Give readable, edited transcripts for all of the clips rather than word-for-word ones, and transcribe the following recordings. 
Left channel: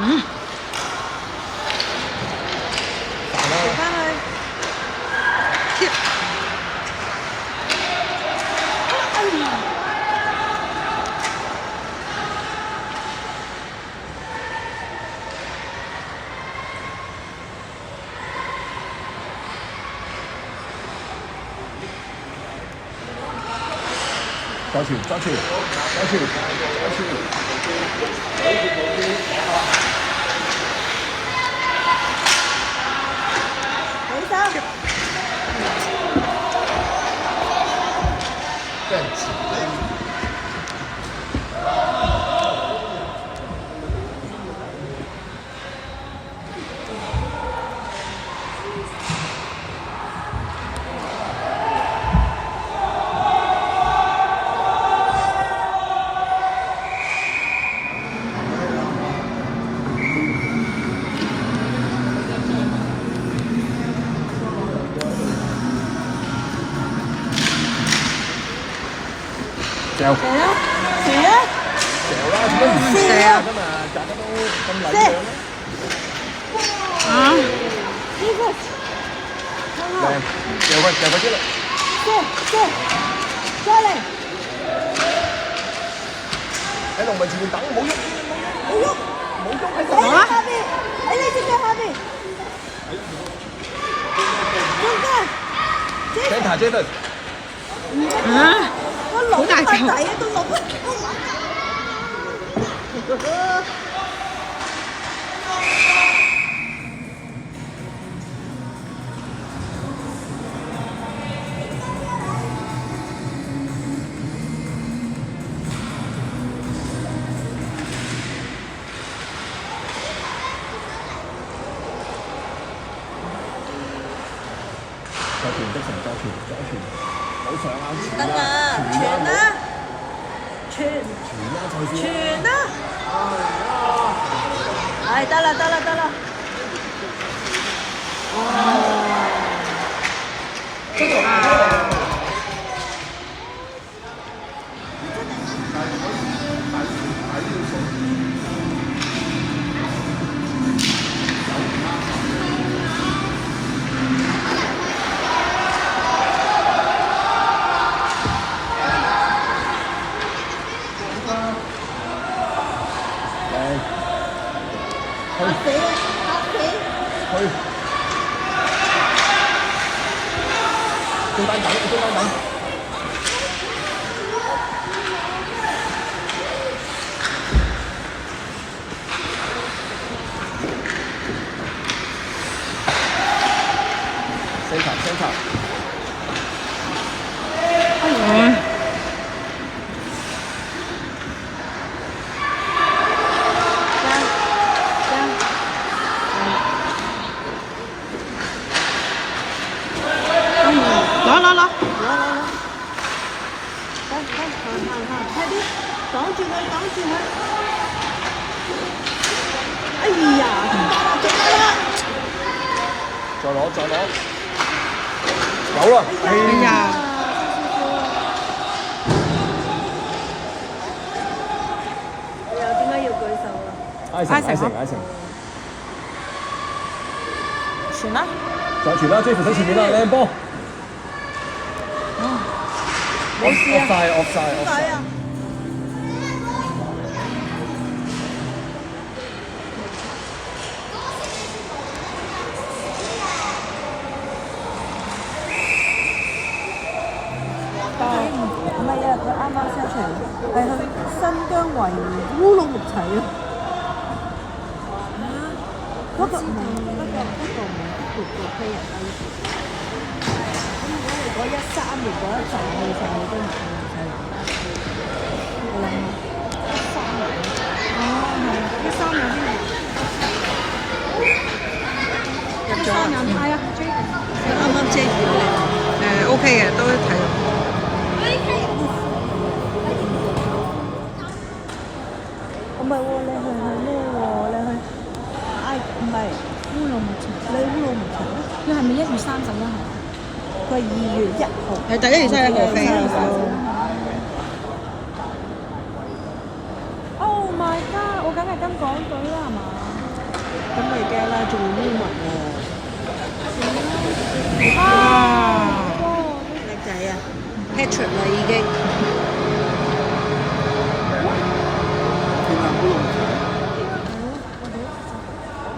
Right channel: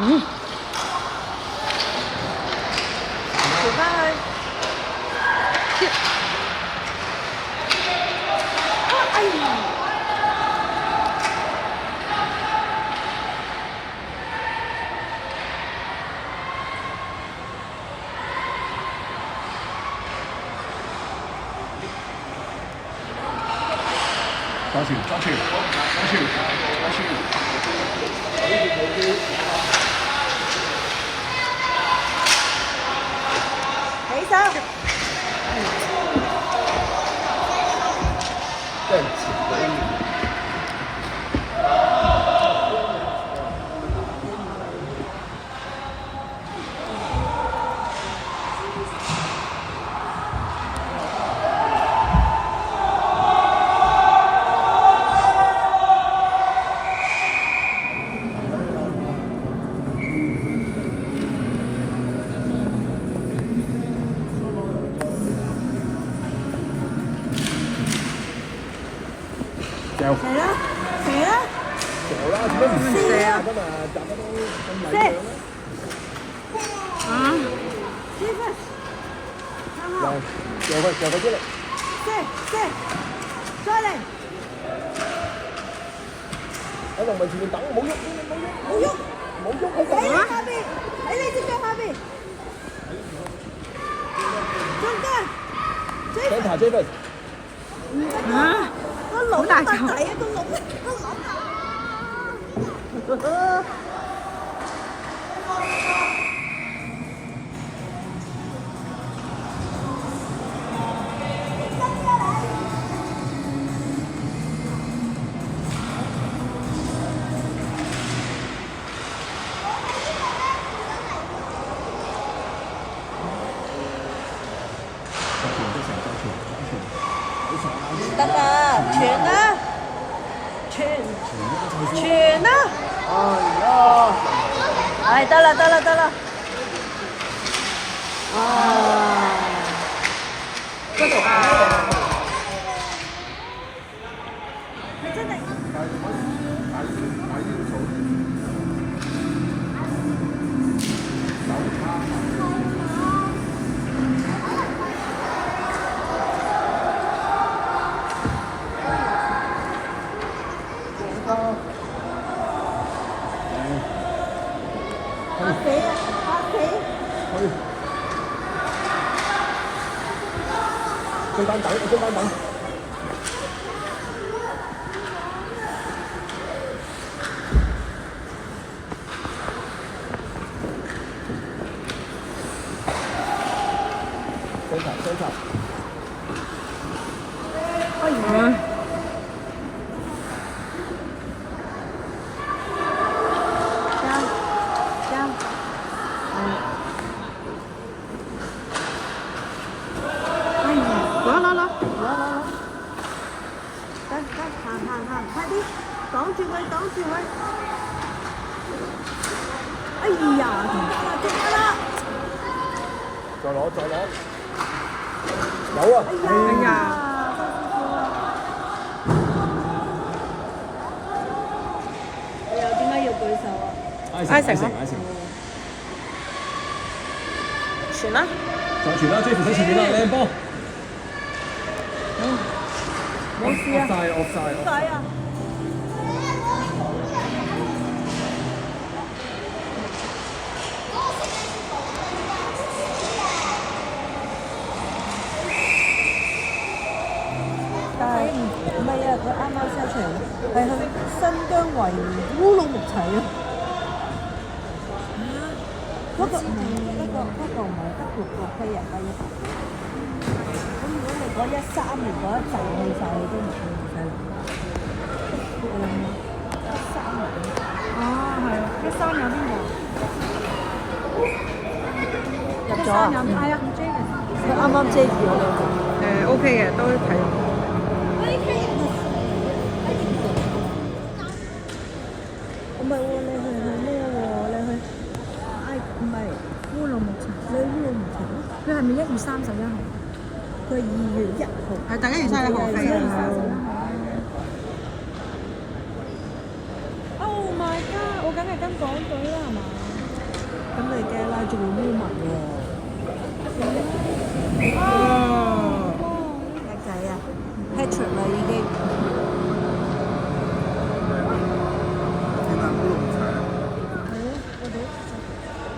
嗯。抓住，抓住，抓住，抓住！起手！真係射啊！射啊！射啊！射！啊！射！射！再嚟！喺度咪前面打冇喐，冇喐！喺你下邊，喺你隻腳下邊。中間！睇下姐對。啊！好大嚿仔啊，都攞唔抓住的成抓住，抓住，好上啊！得啦，傳啦，傳啦就算。傳啦！唉，得啦，得啦，得啦！啊！攞！快啲，擋住佢，擋住佢！哎呀，中啦！再攞，再攞，有啦！哎呀！你又點解要舉手啊？挨成，挨成。傳啦！再傳啦，追扶喺前面啦，靚波！冇事啊！惡晒！唔係啊，佢啱啱下場係去新疆維烏魯木齊啊！嗰個唔係飛人第一。我13年嗰一陣去晒，你都唔去晒。你諗下，13年。哦，係13年先入咗啊？係啊，佢啱啱遮住咗你。OK 嘅，都睇到。唔係喎，你去咩喎？你去唔係烏魯木齊，你烏魯木齊咧？佢係咪1月31號？佢係2月1號。係大家1月31號飛。Oh my god！我梗係跟港隊啦，係嘛？咁你驚啦，仲要烏文喎。哇！叻仔啊 ，Patrick 啦已經。天冷都用咗。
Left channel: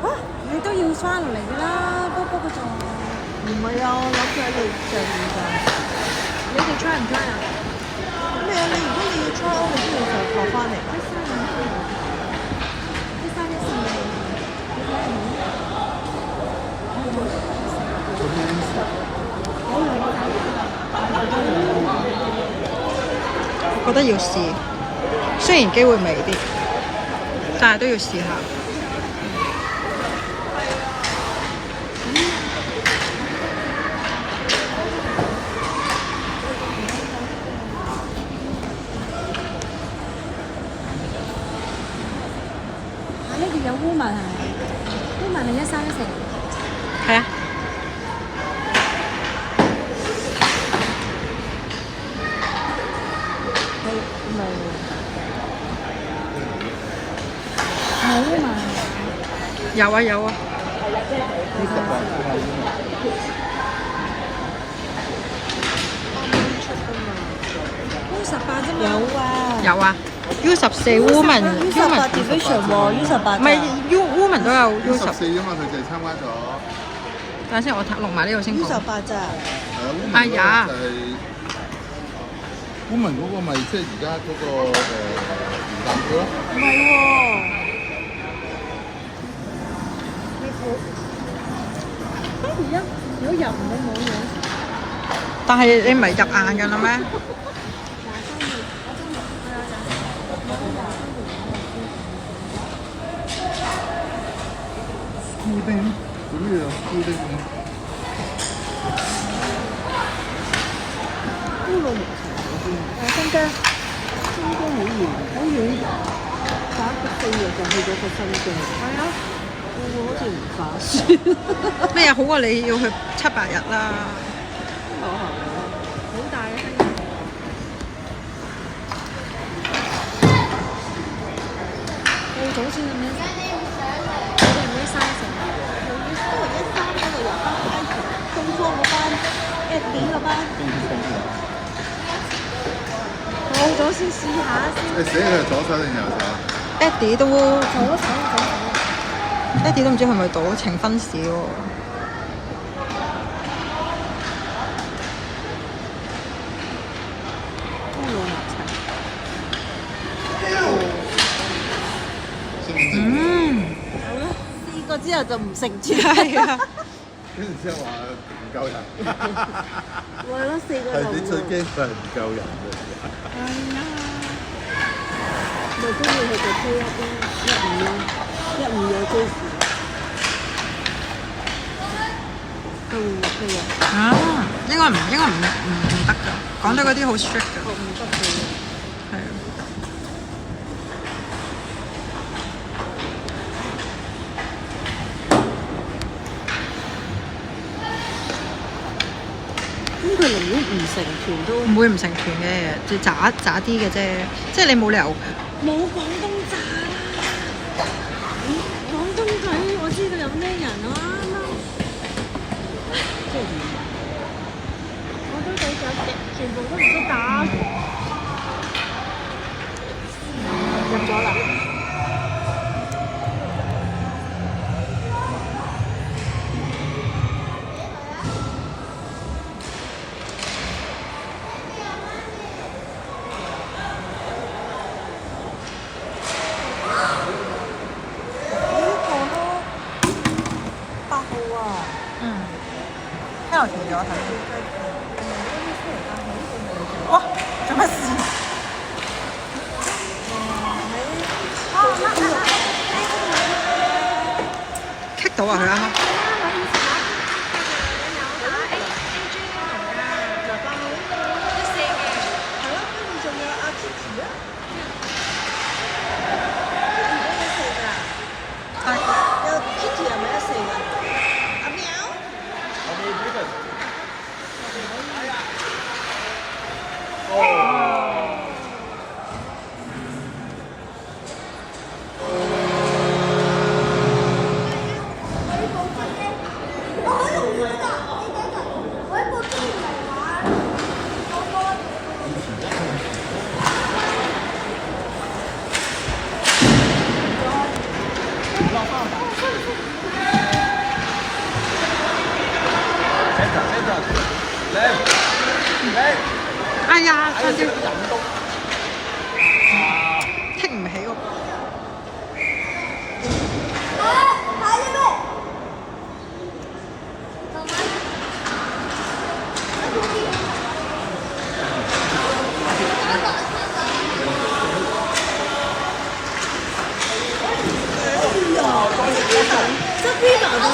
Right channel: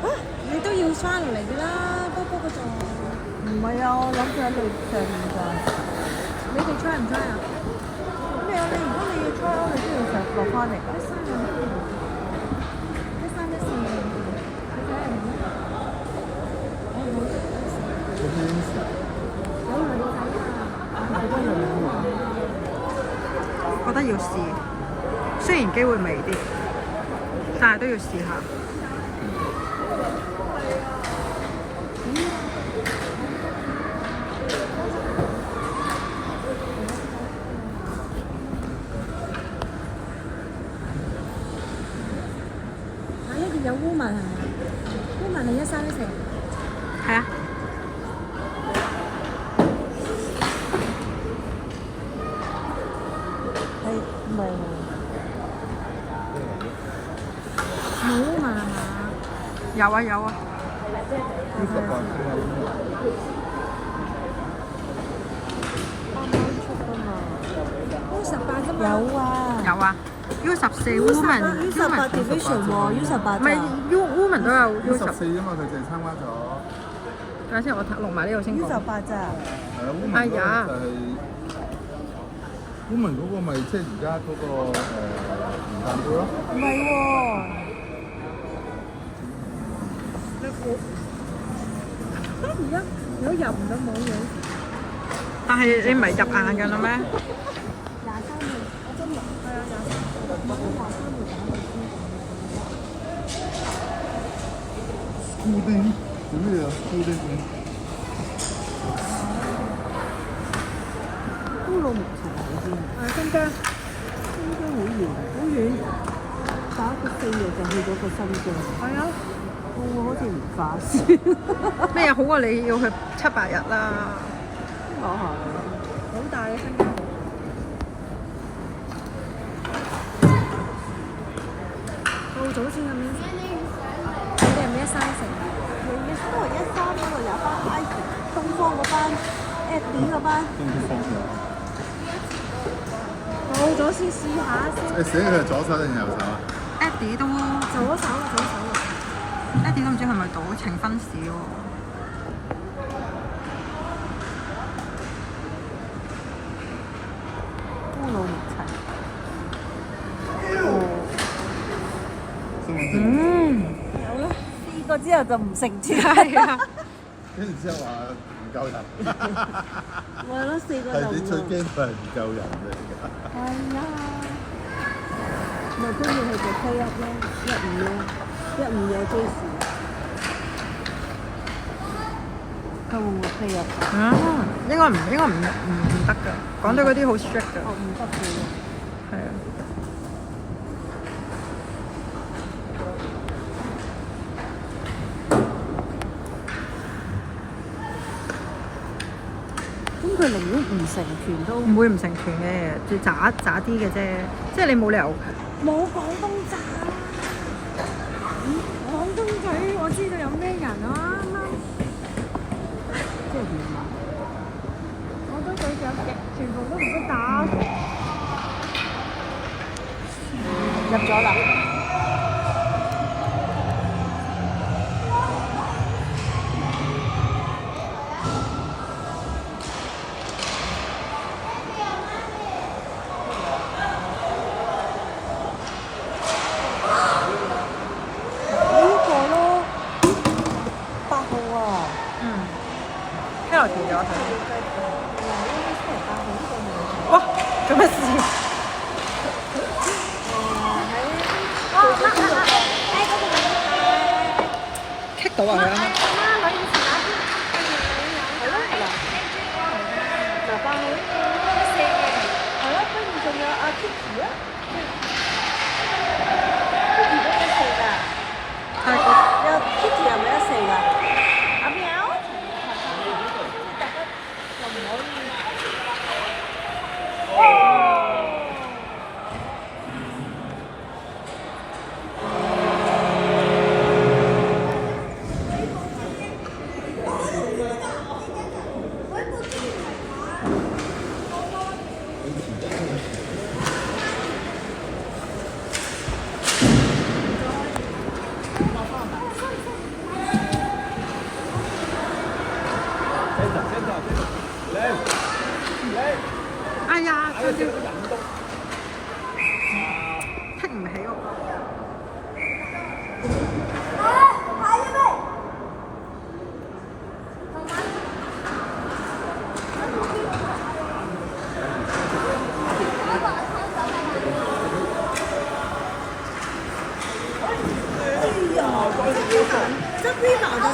啊！你都要翻落嚟㗎啦，波波嗰座。唔係啊，我諗住喺你上面㗎。你哋 try 唔 try 啊？咩啊？你如果你要 try，你都要落翻嚟㗎。我覺得要試，雖然機會微啲，但係都要試下。呢邊有烏文係咪？烏文係1314。係啊。冇啊嘛。有啊有啊。U18啫嘛。有啊。有啊。U14 Woman U18 division 喎，U18。唔係 Woman 都有 U14 啊嘛，佢就係參加咗。等下先，我錄埋呢度先講。U18咋？係啊，Woman 哎呀就係 Woman 嗰個咪即係而家嗰個元旦杯咯。唔係喎。而家我入唔到網嘅。但係你唔係入硬㗎啦咩？固定，不是固定。呢個目前好啲。新疆，新疆好遠，好遠。打個4日就去咗個新疆。係啊。好似唔划算。咩好過你要去7-8日啦。好大啊！到早先咁樣食，你哋唔130食？113嗰度入翻東方嗰班 Eddie 嗰班。到咗先試下先。你寫佢係左手定右手 Eddie 都左手。Eddie 都唔知係咪賭呈分市喎。試過之後就唔成住。係啊。跟住之後話唔夠人。我諗4個人。係你最驚就係唔夠人喎。係啊。咪中意佢哋推15咯，15有追時。推入。應該唔得㗎，廣州嗰啲好 strict 㗎。唔得嘅。係啊。咁佢寧願唔成團都唔會唔成團嘅，最渣啲嘅啫。即係你冇理由。冇廣東炸啦。廣東仔我知道有咩人啦。即係點啊？廣東仔全部都唔識打。入咗啦。做咩事？棘到啊！佢啱啱。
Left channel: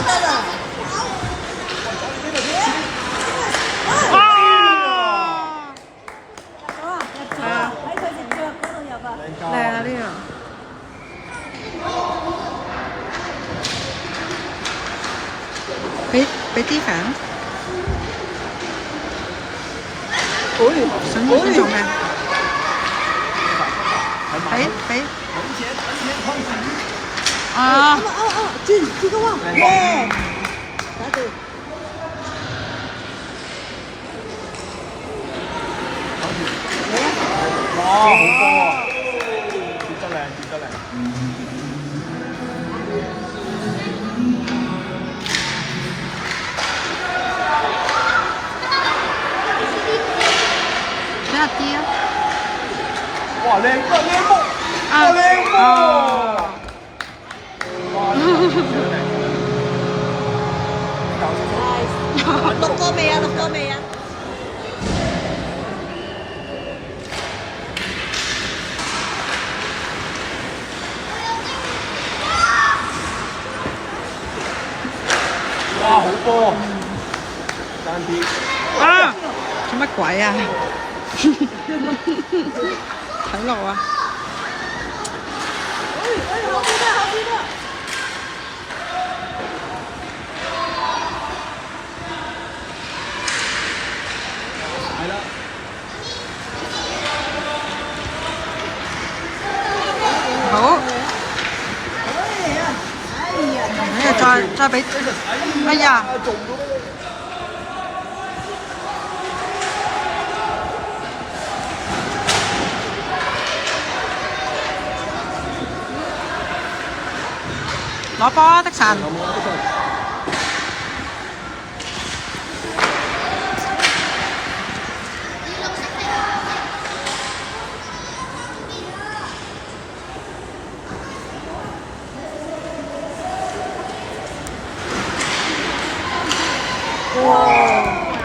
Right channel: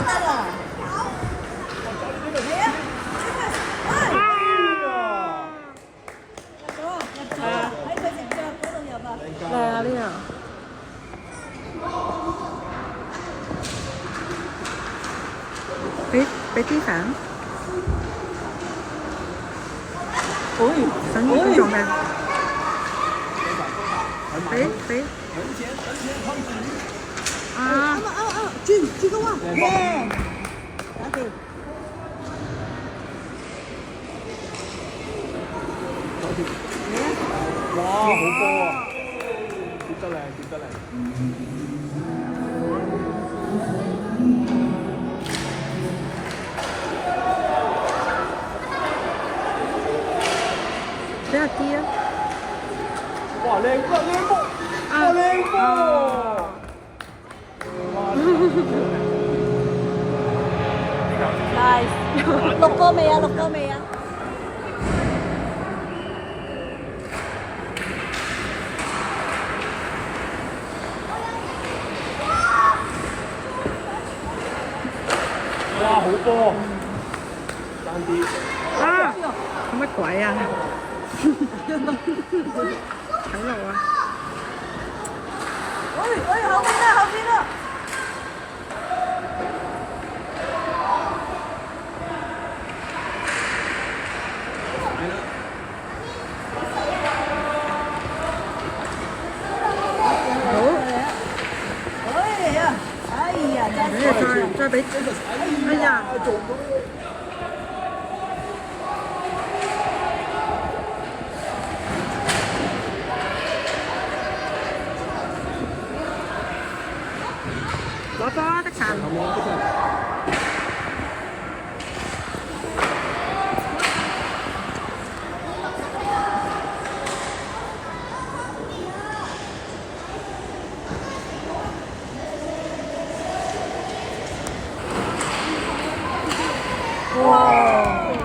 得啦。哇！入咗啊！喺佢隻腳嗰度入啊！靚啊呢樣。俾啲粉。想做咩？俾。啊！轉個喎，耶！打住。比較啲啊！哇，靚啊！啊！錄過未啊？錄過未啊？哇，好多，爭啲。啊！做乜鬼啊？睇路啊！後邊啦！好，哎呀，你再俾，哎呀！攞波啊，的神！哇！